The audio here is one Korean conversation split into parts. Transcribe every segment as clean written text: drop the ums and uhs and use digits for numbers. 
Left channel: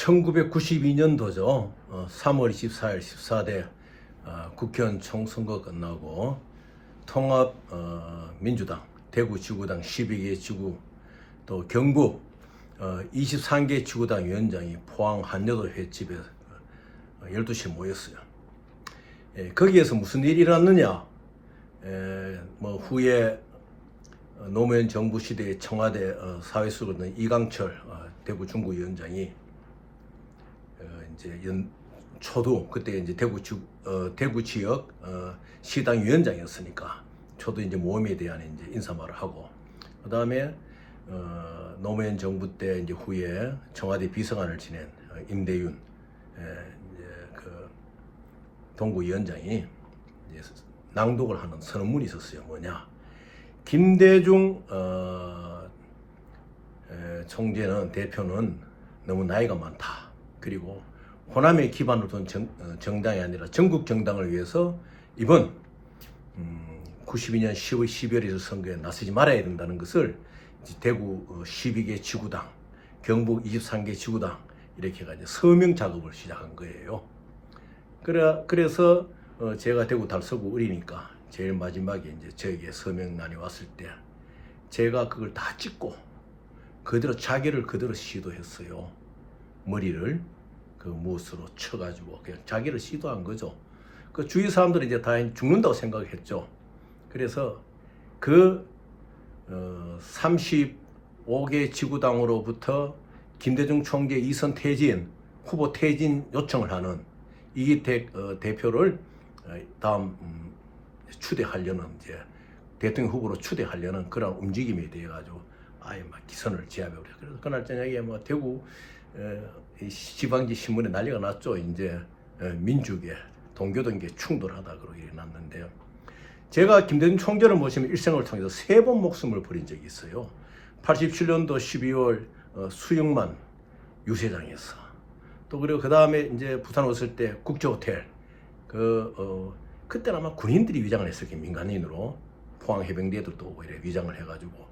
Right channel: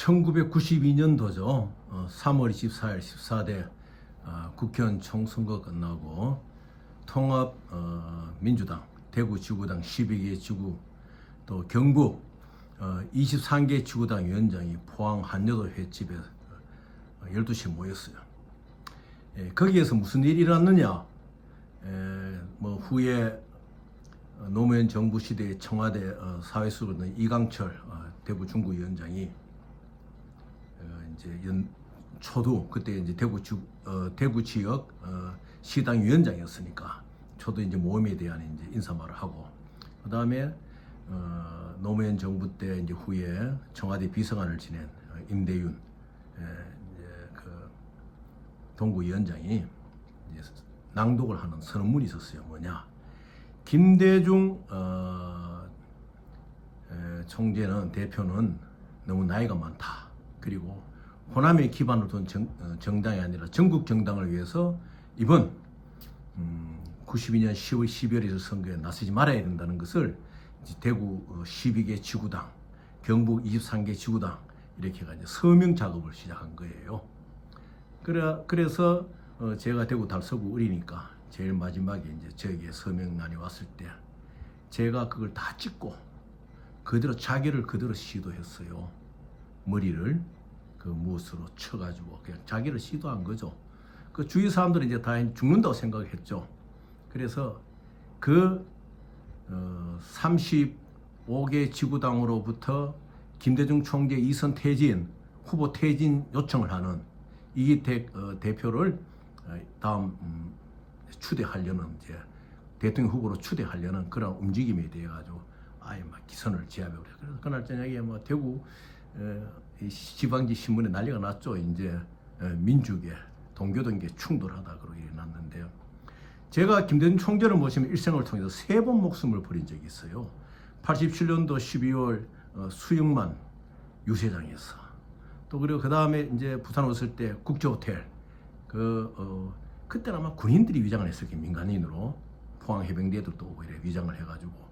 1992년도죠. 3월 24일 14대 국회의원 총선거 끝나고 통합 민주당 대구 지구당 12개 지구 또 경북 23개 지구당 위원장이 포항 한여도 횟집에 12시에 모였어요. 거기에서 무슨 일이 일어났느냐? 후에 노무현 정부 시대의 청와대 사회수석이었던 이강철 대구 중구위원장이 이제 초두 그때 이제 대구 지역 시당 위원장이었으니까 초두 이제 모험에 대한 이제 인사말을 하고, 그 다음에 노무현 정부 때 이제 후에 청와대 비서관을 지낸 임대윤 그 동구위원장이 이제 낭독을 하는 선언문이 있었어요. 뭐냐? 김대중 총재는 대표는 너무 나이가 많다. 그리고 호남에 기반을 둔 정당이 아니라 전국 정당을 위해서 이번 92년 10월 12월 선거에 나서지 말아야 된다는 것을 대구 12개 지구당, 경북 23개 지구당 이렇게 해가지고 서명 작업을 시작한 거예요. 그래서 제가 대구 달서구 을이니까 제일 마지막에 이제 저에게 서명란이 왔을 때 제가 그걸 다 찍고 그대로 자기를 그대로 시도했어요. 머리를 그 못으로 쳐가지고 그냥 자기를 시도한 거죠. 그 주위 사람들은 이제 다 죽는다고 생각했죠. 그래서 그 35개 지구당으로부터 김대중 총재 이선 퇴진 후보 퇴진 요청을 하는 이기택 대표를 다음 추대하려는 이제 대통령 후보로 추대하려는 그런 움직임에 대해 가지고 아예 막 기선을 제압해 버려. 그래서 그날 저녁에 뭐 대구 지방지 신문에 난리가 났죠. 이제 민주계 동교동계 충돌하다 그러고 일어났는데요. 제가 김대중 총재를 모시면 일생을 통해서 3번 목숨을 버린 적이 있어요. 87년도 12월 수영만 유세장에서, 또 그리고 그 다음에 이제 부산 왔을 때 국제호텔 그때는 아마 군인들이 위장을 했을 게 민간인으로 포항 해병대도 또 오고 이래 위장을 해가지고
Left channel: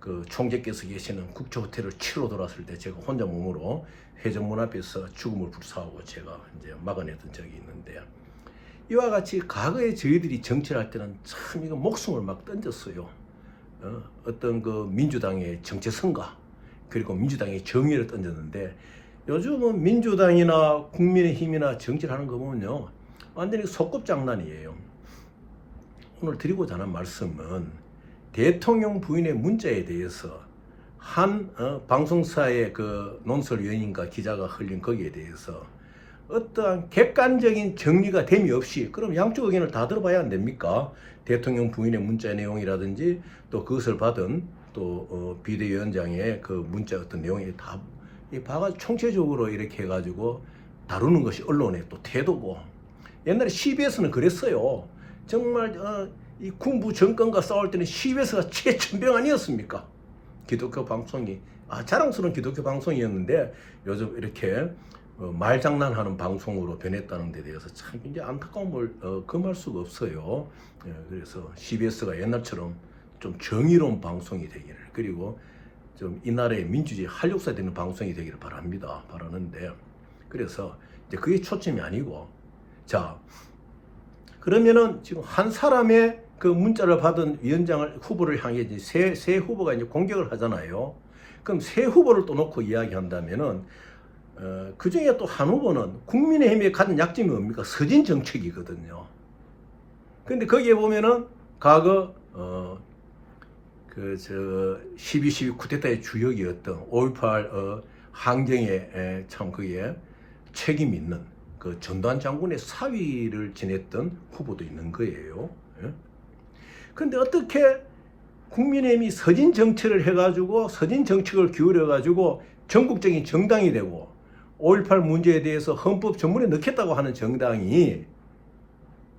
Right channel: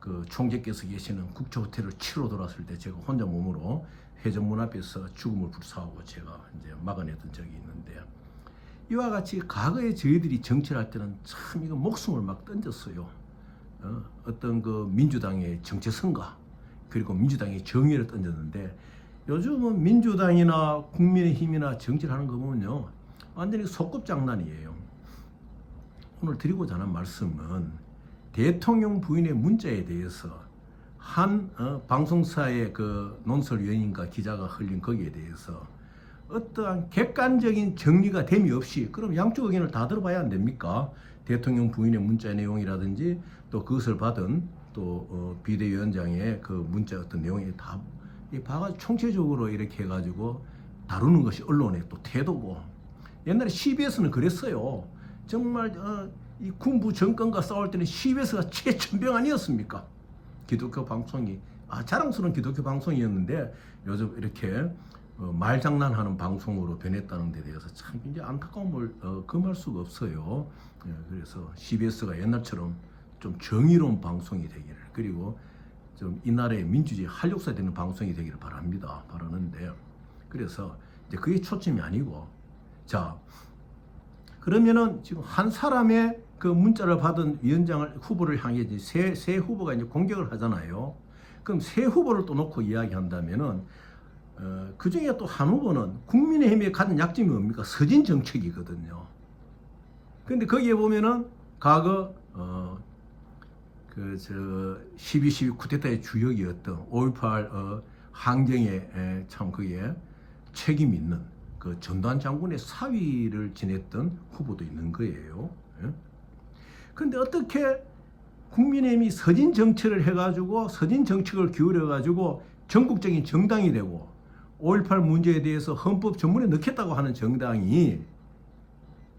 그 총재께서 계시는 국제호텔을 치러 돌았을 때 제가 혼자 몸으로 회전문 앞에서 죽음을 불사하고 제가 이제 막아냈던 적이 있는데, 이와 같이 과거에 저희들이 정치를 할 때는 참 이거 목숨을 막 던졌어요. 어떤 그 민주당의 정체성과 그리고 민주당의 정의를 던졌는데, 요즘은 민주당이나 국민의힘이나 정치를 하는 거 보면요 완전히 소꿉장난이에요. 오늘 드리고자 하는 말씀은 대통령 부인의 문자에 대해서 한 방송사의 그 논설위원인가 기자가 흘린 거기에 대해서 어떠한 객관적인 정리가 됨이 없이, 그럼 양쪽 의견을 다 들어봐야 안 됩니까? 대통령 부인의 문자 내용이라든지 또 그것을 받은 또 비대위원장의 그 문자 어떤 내용이 다 봐가지고 총체적으로 이렇게 해가지고 다루는 것이 언론의 또 태도고, 옛날에 CBS는 그랬어요. 정말 이 군부 정권과 싸울 때는 CBS가 최천병 아니었습니까? 기독교 방송이 자랑스러운 기독교 방송이었는데 요즘 이렇게 말장난하는 방송으로 변했다는 데 대해서 참 굉장히 안타까움을 금할 수가 없어요. 그래서 CBS가 옛날처럼 좀 정의로운 방송이 되기를, 그리고 좀 이 나라의 민주주의 활력소 되는 방송이 되기를 바라는데, 그래서 이제 그게 초점이 아니고, 자 그러면은 지금 한 사람의 그 문자를 받은 위원장을 후보를 향해 이제 세 후보가 이제 공격을 하잖아요. 그럼 세 후보를 또 놓고 이야기한다면은 그 중에 또 한 후보는 국민의힘에 가진 약점이 뭡니까? 서진 정책이거든요. 근데 거기에 보면은 과거 12.12 쿠데타의 주역이었던 5.18 항쟁에 참 그게 책임 있는 그 전두환 장군의 사위를 지냈던 후보도 있는 거예요. 그런데 어떻게 국민의힘이 서진 정책을 해가지고 서진 정책을 기울여가지고 전국적인 정당이 되고 5.18 문제에 대해서 헌법 전문에 넣겠다고 하는 정당이,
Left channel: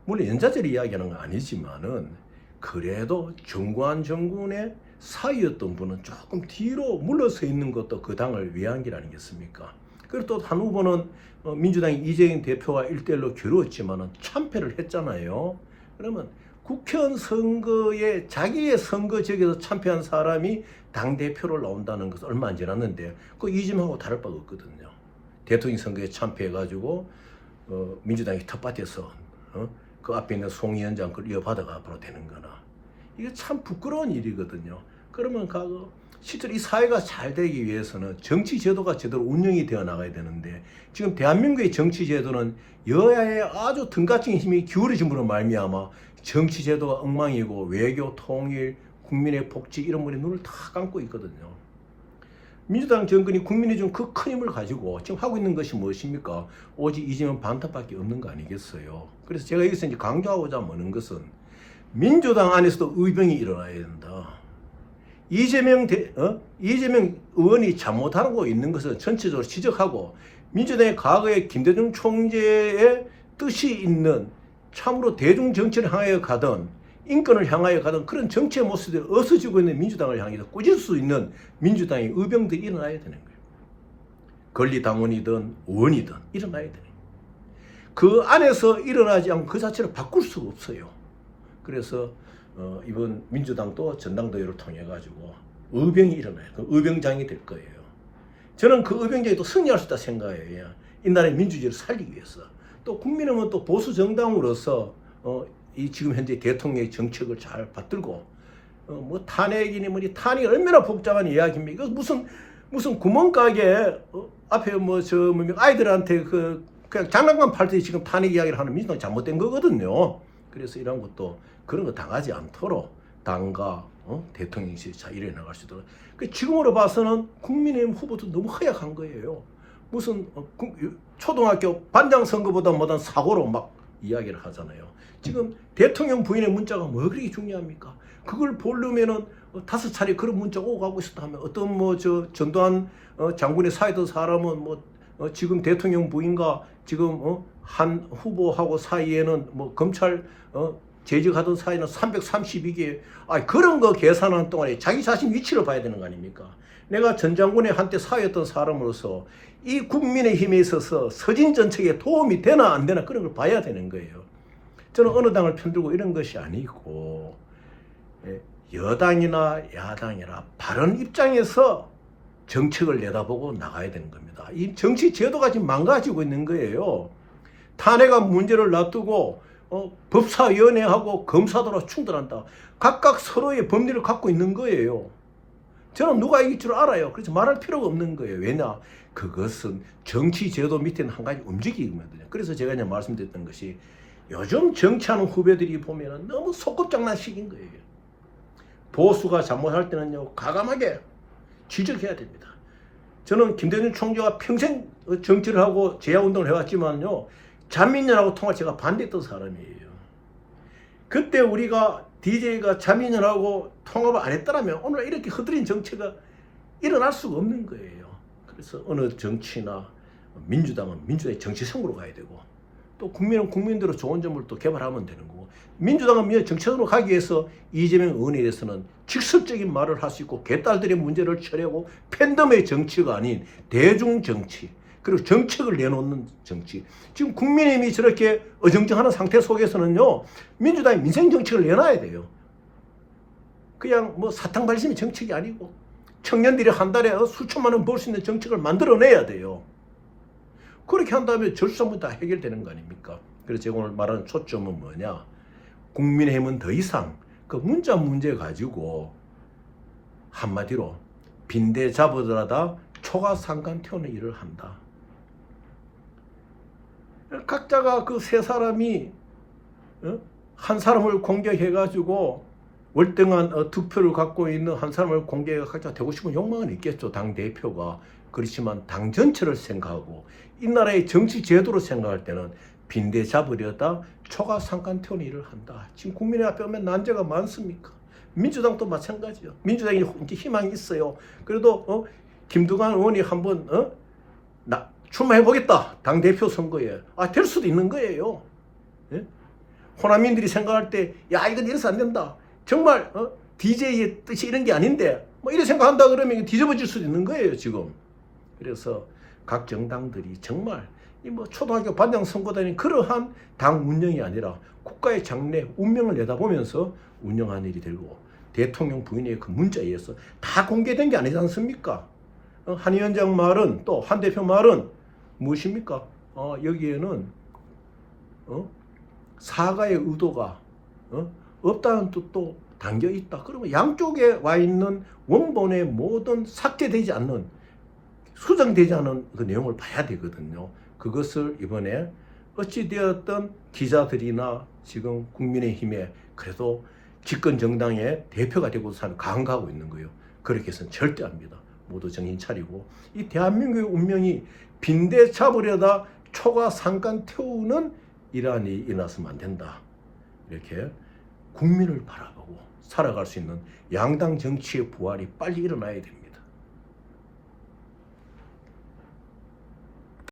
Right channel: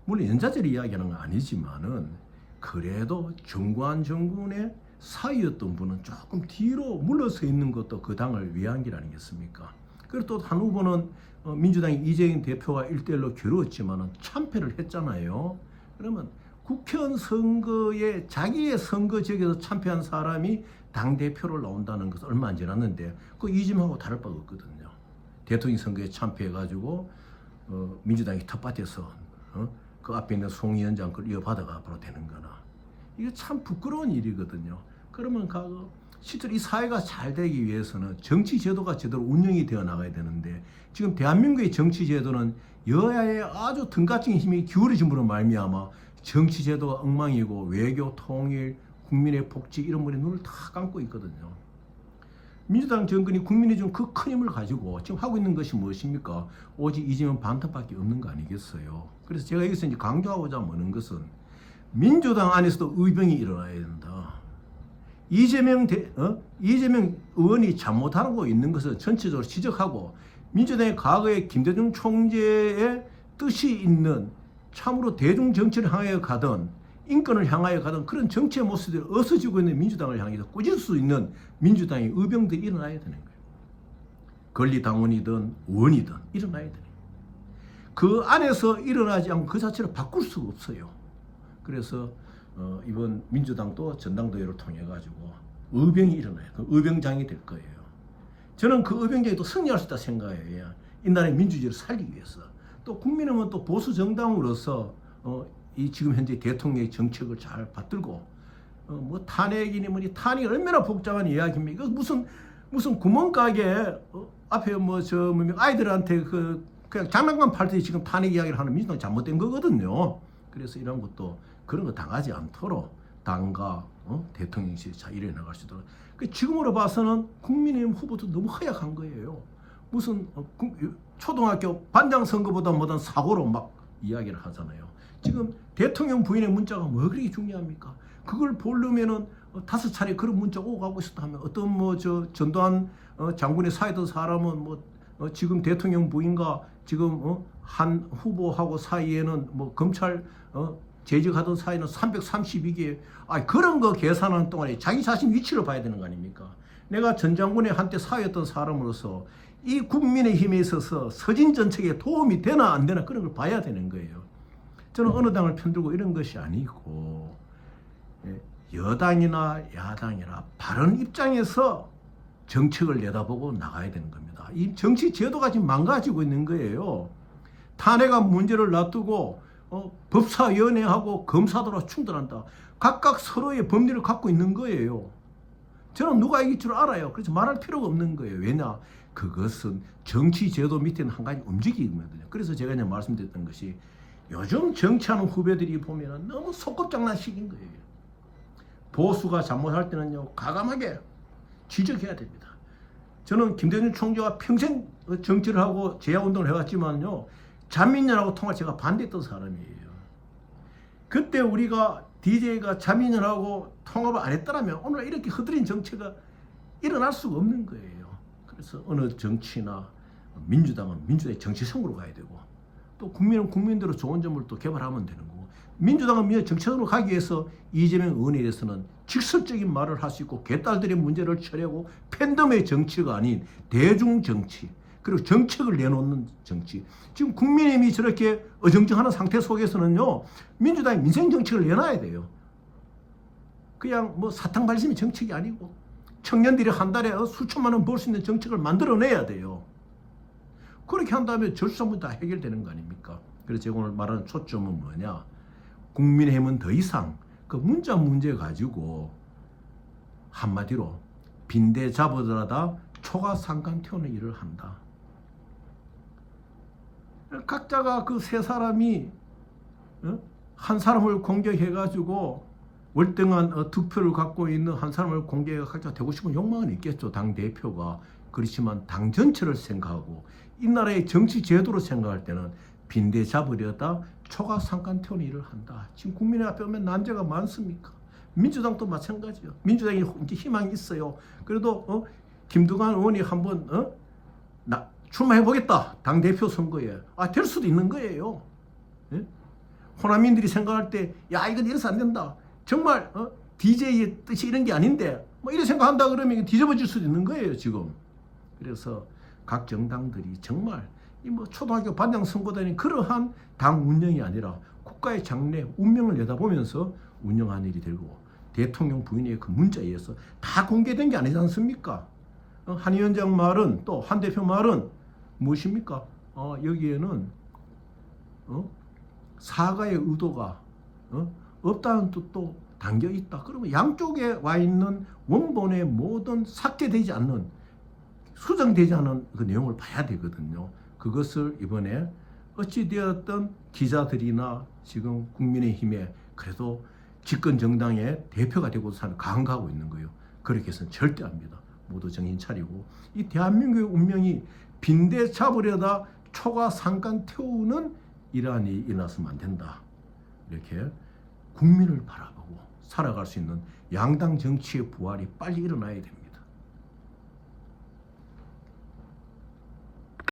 물론 연좌제를 이야기하는 건 아니지만은 그래도 정관 정군의 사위였던 분은 조금 뒤로 물러서 있는 것도 그 당을 위한 길 아니겠습니까? 그리고 또 한 후보는 민주당의 이재명 대표와 1대1로 겨루었지만은 참패를 했잖아요. 그러면 국회의원 선거에 자기의 선거 지역에서 참패한 사람이 당대표로 나온다는 것은 얼마 안 지났는데 그 이즘하고 다를 바가 없거든요. 대통령 선거에 참패해가지고 민주당이 텃밭에서 그 앞에 있는 송 위원장 걸 이어받아가 바로 되는 거나 이게 참 부끄러운 일이거든요. 그러면 실제로 이 사회가 잘 되기 위해서는 정치 제도가 제대로 운영이 되어 나가야 되는데 지금 대한민국의 정치 제도는 여야의 아주 등가적인 힘이 기울어짐으로 말미암아 정치 제도가 엉망이고 외교, 통일, 국민의 복지 이런 분에 눈을 다 감고 있거든요. 민주당 정권이 국민이 준 그 큰 힘을 가지고 지금 하고 있는 것이 무엇입니까? 오직 이재명 반탑밖에 없는 거 아니겠어요. 그래서 제가 여기서 이제 강조하고자 하는 것은 민주당 안에서도 의병이 일어나야 된다. 이재명 의원이 잘못하고 있는 것을 전체적으로 지적하고 민주당의 과거에 김대중 총재의 뜻이 있는 참으로 대중 정치를 향하여 가던 인권을 향하여 가던 그런 정치의 모습들이 없어지고 있는 민주당을 향해서 꾸질 수 있는 민주당의 의병들이 일어나야 되는 거예요. 권리당원이든 의원이든 일어나야 되는 거예요. 그 안에서 일어나지 않고 그 자체를 바꿀 수가 없어요. 그래서 이번 민주당도 전당대회를 통해 가지고 의병이 일어나요. 그 의병장이 될 거예요. 저는 그 의병장이 또 승리할 수 있다 생각해요. 이 나라의 민주주의를 살리기 위해서. 또 국민은 또 보수 정당으로서 이 지금 현재 대통령의 정책을 잘 받들고 뭐 탄핵이니 뭐니 탄핵이 얼마나 복잡한 이야기입니까? 무슨 구멍가게 앞에 아이들한테 그냥 장난감 팔듯이 지금 탄핵 이야기를 하는 민주당이 잘못된 거거든요. 그래서 이런 것도 그런 거 당하지 않도록 당과 대통령실이 잘 일어나갈 수 있도록. 지금으로 봐서는 국민의힘 후보도 너무 허약한 거예요. 무슨 초등학교 반장 선거보다 못한 사고로 막 이야기를 하잖아요. 지금 대통령 부인의 문자가 뭐 그렇게 중요합니까? 그걸 보려면은 5차례 그런 문자 오고 가고 있었다 하면 어떤 전두환 장군의 사이던 사람은 지금 대통령 부인과 지금 한 후보하고 사이에는 검찰 재직하던 사이는 332개 그런 거 계산하는 동안에 자기 자신 위치를 봐야 되는 거 아닙니까? 내가 전 장군의 한때 사회였던 사람으로서 이 국민의힘에 있어서 서진 정책에 도움이 되나 안 되나 그런 걸 봐야 되는 거예요. 저는 어느 당을 편들고 이런 것이 아니고 여당이나 야당이나 바른 입장에서 정책을 내다보고 나가야 되는 겁니다. 이 정치 제도가 지금 망가지고 있는 거예요. 탄핵안 문제를 놔두고 법사위원회하고 검사들하고 충돌한다. 각각 서로의 법리를 갖고 있는 거예요. 저는 누가 이길 줄 알아요. 그래서 말할 필요가 없는 거예요. 왜냐? 그것은 정치 제도 밑에는 한 가지 움직이거든요. 그래서 제가 이제 말씀드렸던 것이 요즘 정치하는 후배들이 보면 너무 소꿉장난식인 거예요. 보수가 잘못할 때는요 과감하게 지적해야 됩니다. 저는 김대중 총재가 평생 정치를 하고 제야운동을 해왔지만요 자민련하고 통합 제가 반대했던 사람이에요. 그때 우리가 DJ가 자민련하고 통합을 안 했더라면 오늘 이렇게 흐드린 정치가 일어날 수가 없는 거예요. 그래서 어느 정치나 민주당은 민주당의 정치성으로 가야 되고 또 국민은 국민대로 좋은 점을 또 개발하면 되는 거고 민주당은 정치적으로 가기 위해서 이재명 의원에 대해서는 직설적인 말을 할 수 있고 개딸들의 문제를 처리하고 팬덤의 정치가 아닌 대중 정치 그리고 정책을 내놓는 정치. 지금 국민의힘이 저렇게 어정쩡하는 상태 속에서는요 민주당이 민생 정책을 내놔야 돼요. 그냥 사탕 발심의 정책이 아니고 청년들이 한 달에 수천만 원 벌 수 있는 정책을 만들어내야 돼요. 그렇게 한다면 절수문제 다 해결되는 거 아닙니까? 그래서 제가 오늘 말하는 초점은 뭐냐? 국민의힘은 더 이상 그 문제 가지고 한마디로 빈대 잡으더라도 초가상간 태우는 일을 한다. 각자가 그 세 사람이 한 사람을 공격해가지고 월등한 득표를 갖고 있는 한 사람을 공격해 각자 되고 싶은 욕망은 있겠죠. 당 대표가. 그렇지만 당 전체를 생각하고 이 나라의 정치 제도를 생각할 때는 빈대 잡으려다 초가상간 태우는 일을 한다. 지금 국민의 앞에 오면 난제가 많습니까? 민주당도 마찬가지요. 민주당이 이제 희망이 있어요. 그래도 김두관 의원이 한번 출마해보겠다. 당대표 선거에. 될 수도 있는 거예요. 예? 호남민들이 생각할 때 이건 이래서 안 된다. 정말 DJ의 뜻이 이런 게 아닌데 이래 생각한다 그러면 뒤집어질 수도 있는 거예요 지금. 그래서 각 정당들이 정말 초등학교 반장 선거단이 그러한 당 운영이 아니라 국가의 장래 운명을 내다보면서 운영한 일이 되고 대통령 부인의 그 문자에 의해서 다 공개된 게 아니지 않습니까? 한 위원장 말은 또 한 대표 말은 무엇입니까? 여기에는 사과의 의도가 없다는 뜻도 담겨 있다. 그러면 양쪽에 와 있는 원본의 모든 삭제되지 않는, 수정되지 않은 그 내용을 봐야 되거든요. 그것을 이번에 어찌되었던 기자들이나 지금 국민의힘에 그래도 집권 정당의 대표가 되고 사는 강가하고 있는 거예요. 그렇게 해서는 절대 합니다. 모두 정신 차리고 이 대한민국의 운명이 빈대 잡으려다 초가 상간 태우는 이란이 일어나서는 안 된다. 이렇게 국민을 바라보고 살아갈 수 있는 양당 정치의 부활이 빨리 일어나야 됩니다.